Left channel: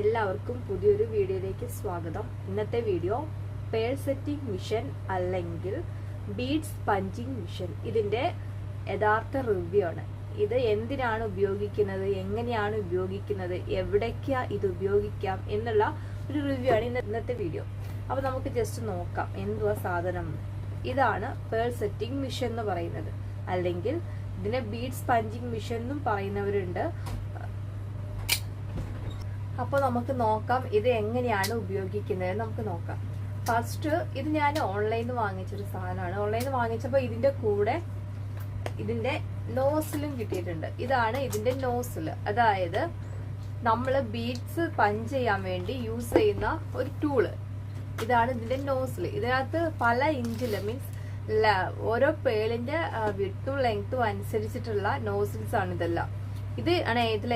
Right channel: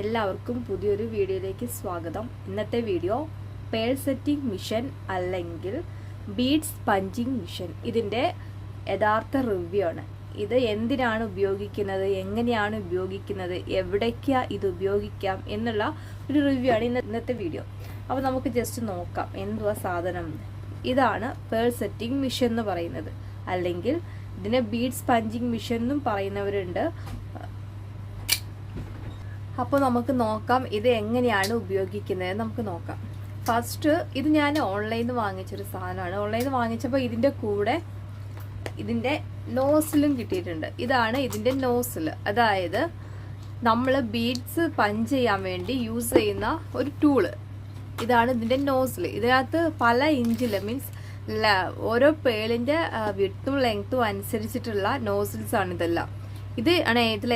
എല്ലാവർക്കും പുതിയൊരു വീഡിയോയിലേക്ക് സ്വാഗതം. ഇന്നത്തെ വീഡിയോ പേൾ സെറ്റിംഗ് മിഷൻ അല്ലെങ്കിൽ ബീഡ്സ് പഞ്ചിങ് മിഷൻ ഇതിന്റെ യഥാർത്ഥ റിവ്യൂ ആണ്. ഇത് എന്തിനാണ് ഉപയോഗിക്കുന്നത്, എങ്ങനെയാണ് ഉപയോഗിക്കുന്നത്, എവിടേക്കാ ഇത് ഉപയോഗിക്കാം എന്നുള്ള ഒരു റിവ്യൂ ആണ് ഇന്നത്തെ വീഡിയോ. അപ്പോൾ നമുക്ക് ജസ്റ്റ് നോക്കാം എന്തുവാ സാധനം. ഇതാണ് പേൾ സെറ്റിംഗ് മിഷൻ എന്ന് പറയുന്നത്, അല്ലെങ്കിൽ ഇതിനെ ബീഡ്സ് പഞ്ചിങ് മിഷൻ എന്നും പറയുന്നവരുണ്ട്. അപ്പോൾ നമുക്ക് നോക്കാം ഇത് എങ്ങനെയാണ് ഉപയോഗിക്കുന്നത് നമുക്ക് നോക്കാം. ഫസ്റ്റ് ഇത് ഞാൻ ഓൺലൈനിൽ നിന്ന് വാങ്ങിച്ചൊരു സാധനമാണ്. ഓൺലൈനിൽ നിന്ന് വാങ്ങിച്ചപ്പോൾ ഇതിന്റെ കൂടെ ഇതിന്റെ നോസിലും കിട്ടിയിട്ടുണ്ട്. ഇതാണ് ഇതിന്റെ നോസിൽ, അതായത് നമ്മൾ ബീഡ്സ് പഞ്ച് ചെയ്യാൻ വേണ്ടി യൂസ് ചെയ്യുന്ന ഒരു ടൂള്. ഇതാണ് ഇതിന്റെ നോസിൽ. ഇതിനകത്ത് പല ഇഞ്ചില് മീൻസ് ഓരോ പേളിന്റെ വിഡ്ത്തും ലെങ്ത്തും അനുസരിച്ചിട്ടുള്ള നോസിൽസ് ആണ് ഇതെല്ലാം. ഇത് ആണ് ഇതിൽ